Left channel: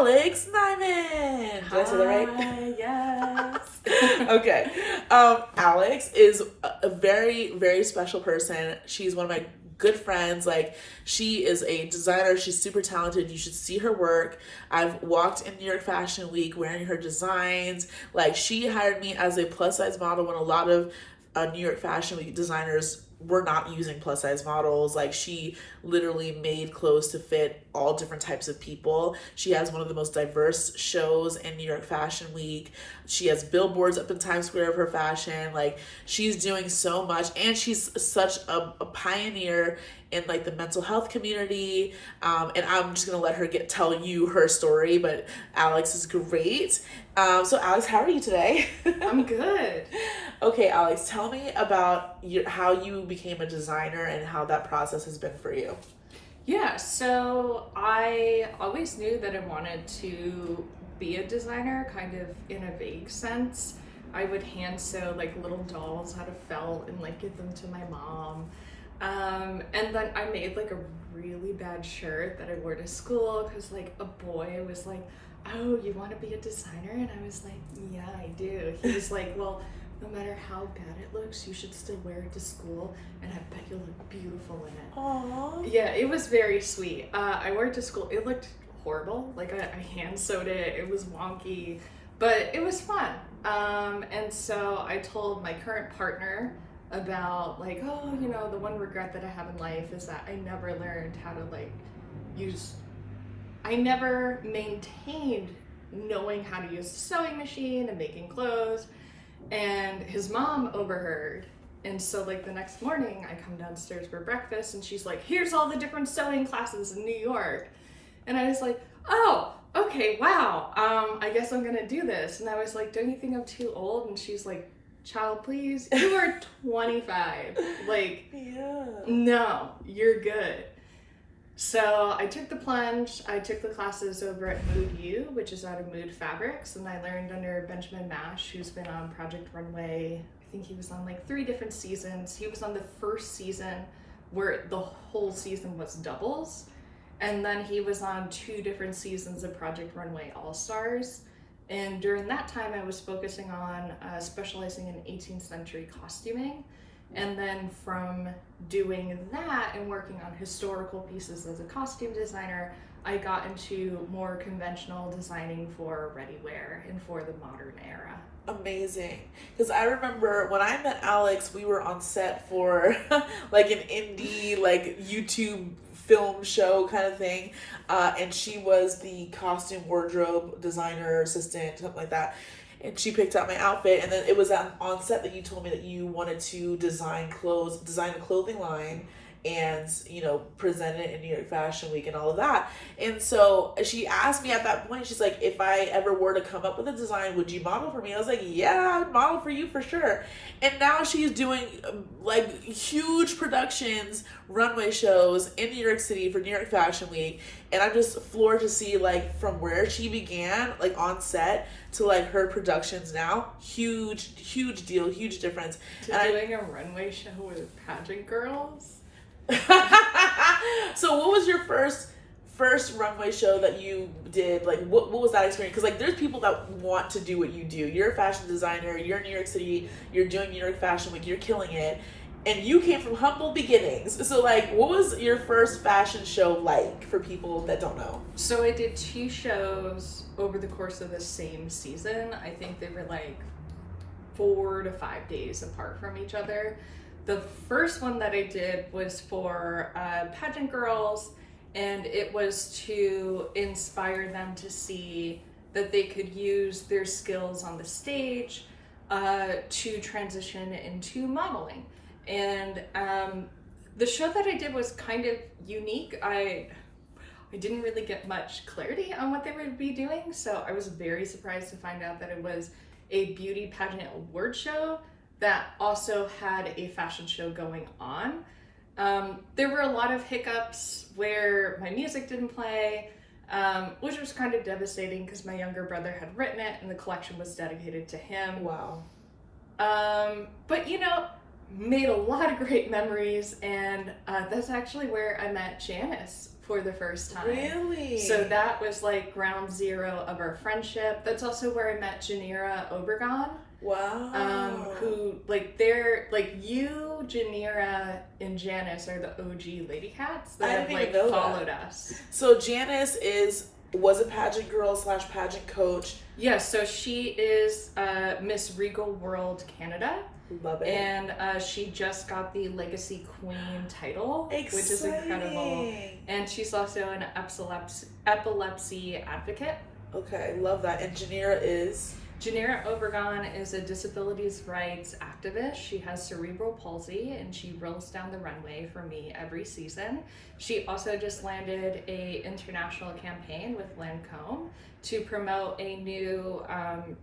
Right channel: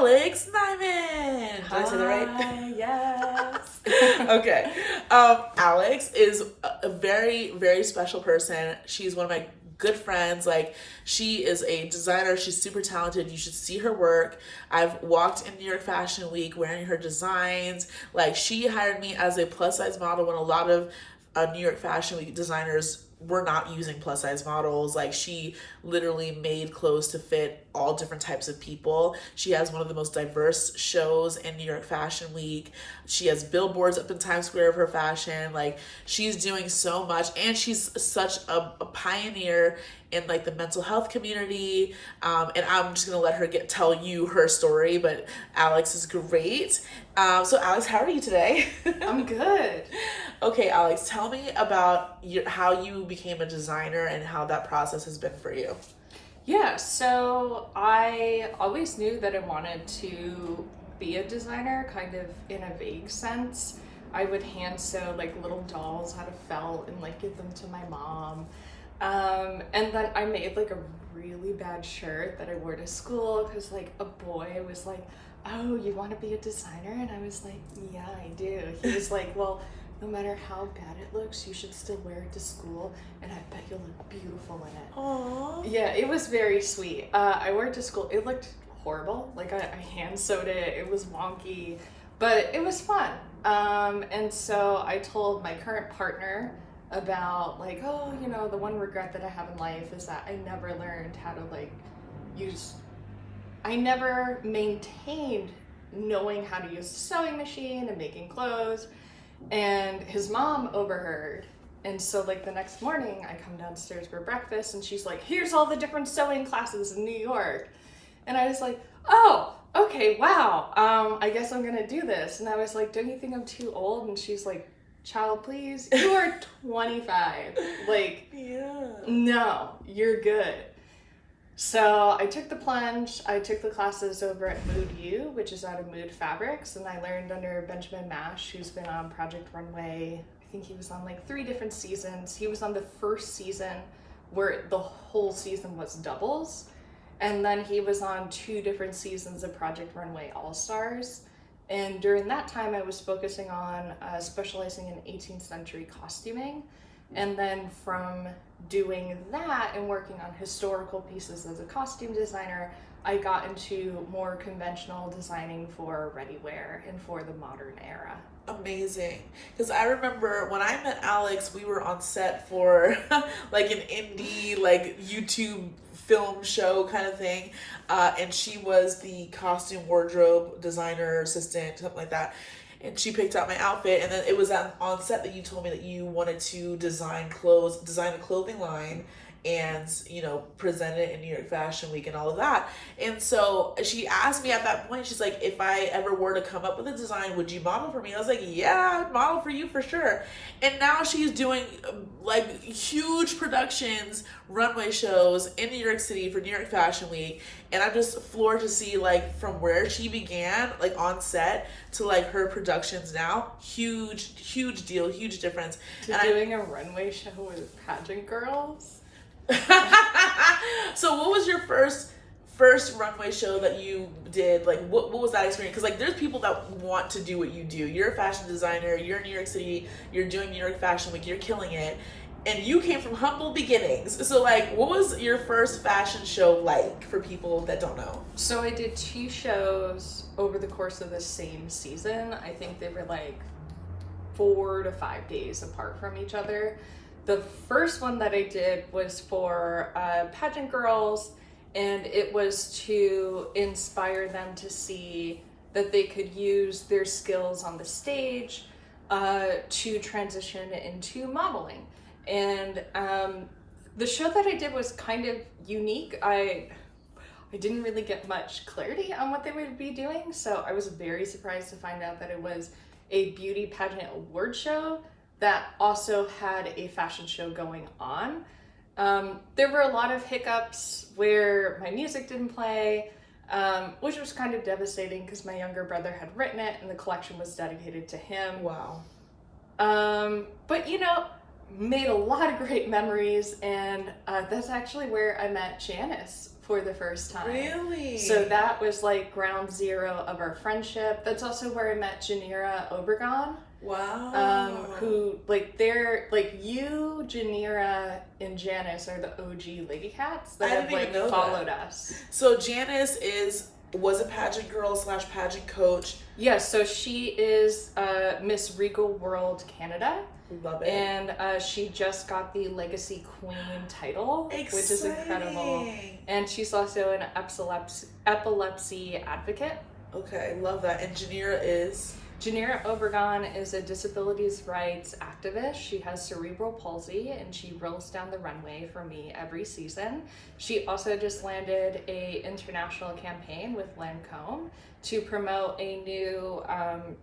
Alex Nyman. Did I say that right? Yes. Okay. Alex is a very, very special person. She's one of my good friends. Like, she is a designer. She's super talented. You should see her work. I've walked in New York Fashion Week wearing her designs. Like, she hired me as a plus size model when a lot of New York Fashion Week designers were not using plus size models. Like, she literally made clothes to fit all different types of people. She has one of the most diverse shows in New York Fashion Week. She has billboards up in Times Square of her fashion. Like, she's doing so much, and she's such a pioneer in like the mental health community. And I'm just gonna let her tell you her story, but Alex is great. So Alex, how are you today? I'm good. Okay, Alex, tell me about how you became a designer and how that process has been for you. Yeah, so I always knew that I wanted to be a designer, kind of in a vague sense. I would hand sew like little dolls out of felt and like give them to my mom. And then I made like a really bad shirt that I wore to school because like a boy was like, "Oh, you want to be a designer?" And I was like, "Yeah, I do." He was like, "Well, no matter how bad it looks, you should still wear it to school, and I bet you'll look beautiful in it." Aww. Yeah, it was very sweet. I wore it to school. It looked horrible. Like I hand sewed it. It was wonky, but it was fun. And so I told my current partner about like, oh, you know, the one regret that I have in life is that I never learned how to like I never maintained knowing how to use a sewing machine and making clothes. And his mom overheard. And so like the next morning I come downstairs for breakfast and she's like, "Here's all the different sewing classes in New York." And I was like, "Oh, okay, wow. I guess I'm gonna do this." And I was like, "Don't you think I'm too old?" And she's like, "Child, please, you are 25. Like, Yeah. no, you're good." So I took the plunge. I took the classes over at Mood U, which is out of Mood Fabrics, and I learned under Benjamin Mash, who's been on Project Runway. I think he was on like 3 different seasons. He was on the first season where the whole season was doubles, and then he was on 2 different seasons of Project Runway All-Stars. And during that time, I was focusing on specializing in 18th century costuming. And then from doing that and working on historical pieces as a costume designer, I got into more conventional designing for ready-wear and for the modern era. Amazing. Because I remember when I met Alex, we were on set for like an indie, like YouTube film show kind of thing. And she was the costume wardrobe designer assistant, something like that. And she picked out my outfit, and then it was on set that you told me that you wanted to design a clothing line, and you know, present it in New York Fashion Week and all of that. And so she asked me at that point, she's like, "If I ever were to come up with a design, would you model for me?" I was like, "Yeah, I'd model for you for sure." And now she's doing like huge productions, runway shows in New York City for New York Fashion Week. And I'm just floored to see like from where she began, like on set, to like her productions now. Huge deal, huge difference. To doing a runway show with pageant girls. So what was your first runway show that you did? Like what was that experience? Because like there's people that want to do what you do. You're a fashion designer, you're in New York City, you're doing New York Fashion Week, you're killing it. And you came from humble beginnings. So like what was your first fashion show like for people that don't know? So I did 2 shows over the course of the same season. I think they were like 4 to 5 days apart from each other. The first one that I did was for pageant girls, and it was to inspire them to see that they could use their skills on the stage to transition into modeling. And the show that I did was kind of unique. I didn't really get much clarity on what they would be doing, so I was very surprised to find out that it was a beauty pageant award show that also had a fashion show going on. There were a lot of hiccups where my music didn't play, which was kind of devastating because my younger brother had written it and the collection was dedicated to him. Wow. But you know, made a lot of great memories, and that's actually where I met Janice for the first time. Really? So that was like ground zero of our friendship. That's also where I met 𝐥𝐢𝐤𝐞. Wow. Who, like, they're, like, you, 𝐥𝐢𝐤, and Janice are the OG lady cats that have, like, followed us. So Janice was a pageant girl / pageant coach. Yes, so she is Miss Regal World Canada. Love it. And she just got the Legacy Queen title, Exciting. Which is incredible. And she's also an epilepsy advocate. Okay, love that. And 𝐥𝐢𝐤𝐞 is a disabilities rights activist. She has cerebral palsy and she rolls down the runway for me every season. She also just landed a international campaign with Lancôme to promote a new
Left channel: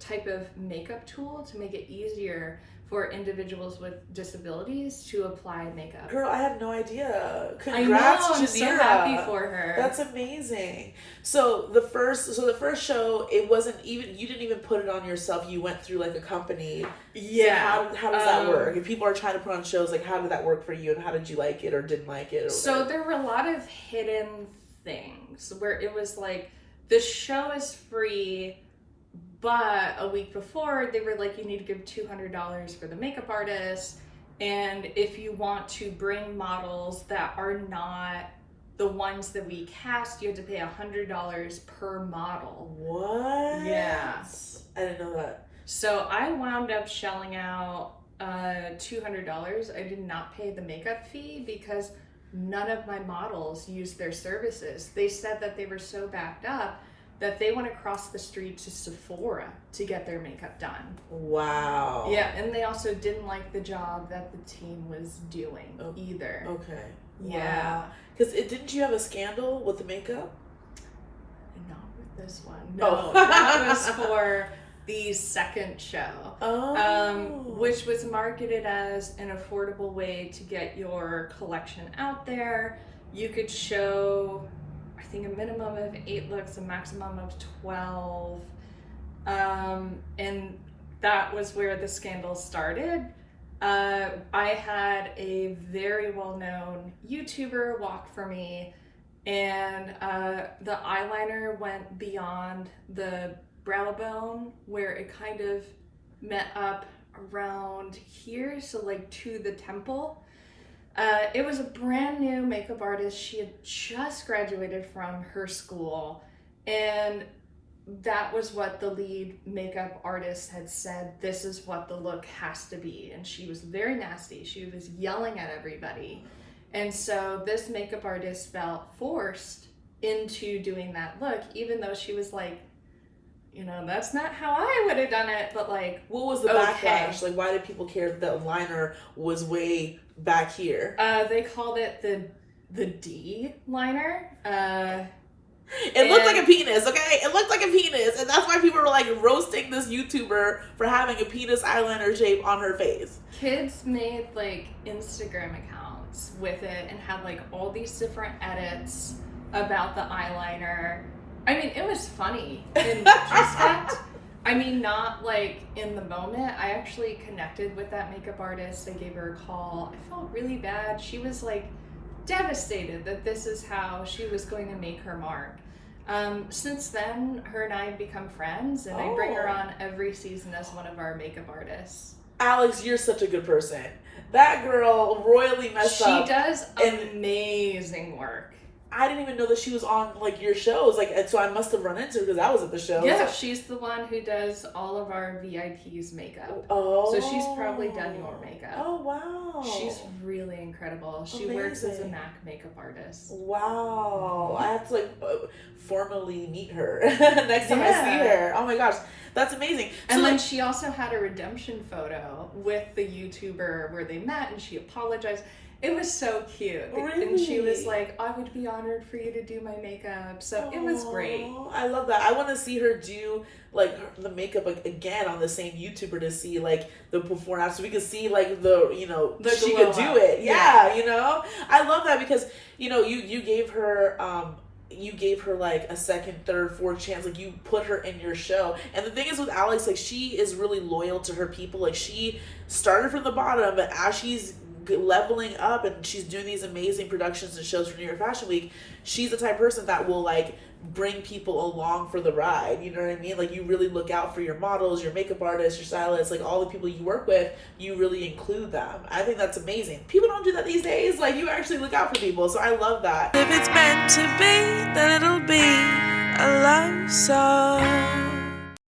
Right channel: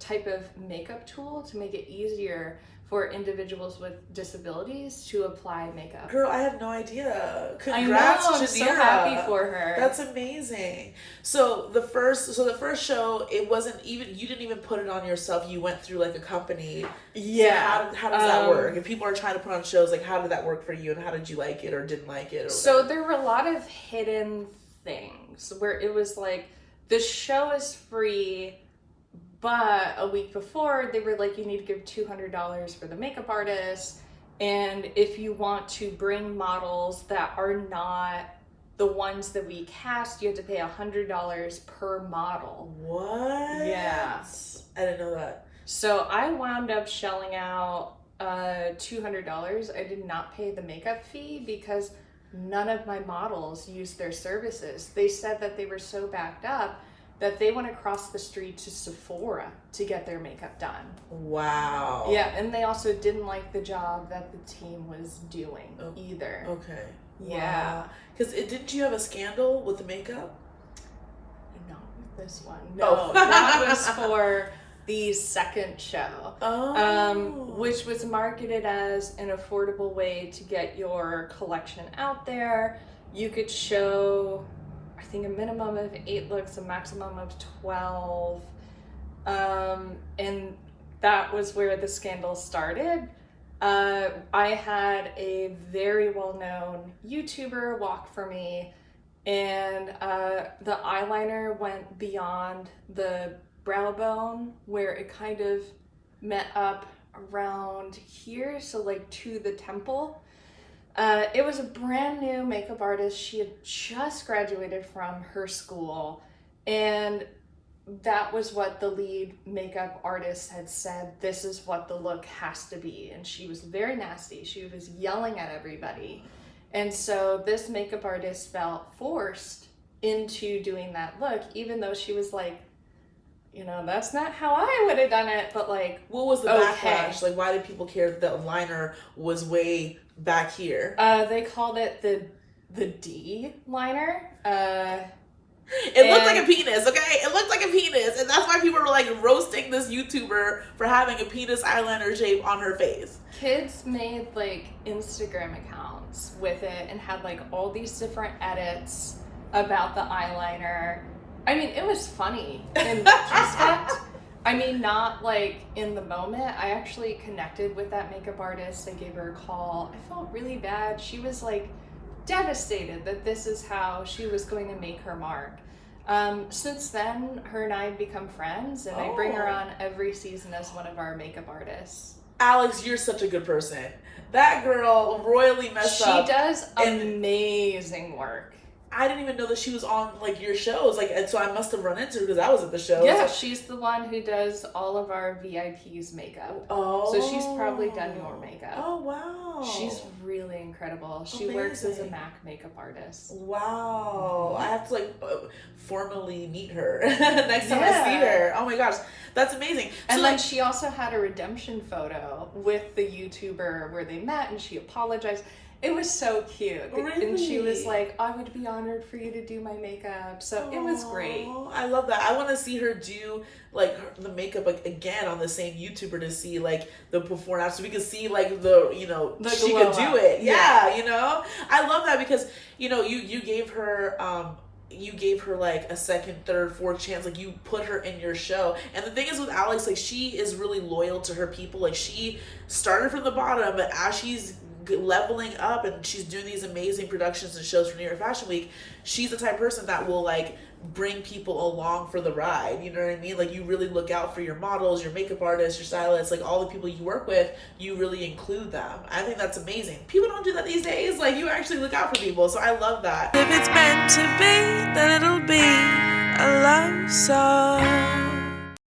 type of makeup tool to make it easier for individuals with disabilities to apply makeup. Girl, I had no idea. Congrats, I'm so happy for her. That's amazing. So the first show, it wasn't even, you didn't even put it on yourself. You went through like a company. Yeah. So how does that work? If people are trying to put on shows, like how did that work for you, and how did you like it or didn't like it? So there were a lot of hidden things where it was like, the show is free, but a week before, they were like, you need to give $200 for the makeup artist. And if you want to bring models that are not the ones that we cast, you have to pay $100 per model. What? Yeah. I didn't know that. So I wound up shelling out $200. I did not pay the makeup fee because none of my models used their services. They said that they were so backed up that they went across the street to Sephora to get their makeup done. Wow. Yeah, and they also didn't like the job that the team was doing either. Okay. Yeah. Because didn't you have a scandal with the makeup? Not with this one. No, that was for the second show. Which was marketed as an affordable way to get your collection out there. You could show, I think, a minimum of 8 looks, a maximum of 12. And that was where the scandal started. I had a very well-known YouTuber walk for me, and the eyeliner went beyond the brow bone where it kind of met up around here, so like to the temple. It was a brand new makeup artist. She had just graduated from her school, and that was what the lead makeup artist had said, this is what the look has to be. And she was very nasty. She was yelling at everybody. And so this makeup artist felt forced into doing that look, even though she was like, you know, that's not how I would have done it, but like, what was the backlash? Like, why did people care that the liner was way back here? They called it the D liner. It looked like a penis, okay? It looked like a penis, and that's why people were like roasting this YouTuber for having a penis eyeliner shape on her face. Kids made like Instagram accounts with it and had like all these different edits about the eyeliner. I mean, it was funny in retrospect. I mean, not like in the moment. I actually connected with that makeup artist. I gave her a call. I felt really bad. She was like devastated that this is how she was going to make her mark. Since then, her and I have become friends, and I bring her on every season as one of our makeup artists. Alex, you're such a good person. That girl royally messed up. She does amazing work. I didn't even know that she was on like your shows, like, and so I must have run into her because I was at the show. Yeah, she's the one who does all of our VIPs makeup. Oh, so she's probably done your makeup. Oh wow, she's really incredible. She works as a MAC makeup artist. Wow, I have to like formally meet her next time I see her. Oh my gosh, that's amazing. And so, then she also had a redemption photo with the YouTuber where they met, and she apologized. It was so cute. Really? And she was like, I would be honored for you to do my makeup. So it was great. I love that. I want to see her do like the makeup again on the same YouTuber to see like the before and after. So we could see like the, you know, she could do it. Yeah, you know? I love that because, you know, you gave her like a second, third, fourth chance. Like you put her in your show. And the thing is with Alex, like she is really loyal to her people. Like she started from the bottom, but as she's leveling up, and she's doing these amazing productions and shows for New York Fashion Week, she's the type of person that will like bring people along for the ride. You know what I mean? Like, you really look out for your models, your makeup artists, your stylists, like all the people you work with, you really include them. I think that's amazing. People don't do that these days. Like, you actually look out for people. So I love that. If it's meant to be, then it'll be a love song.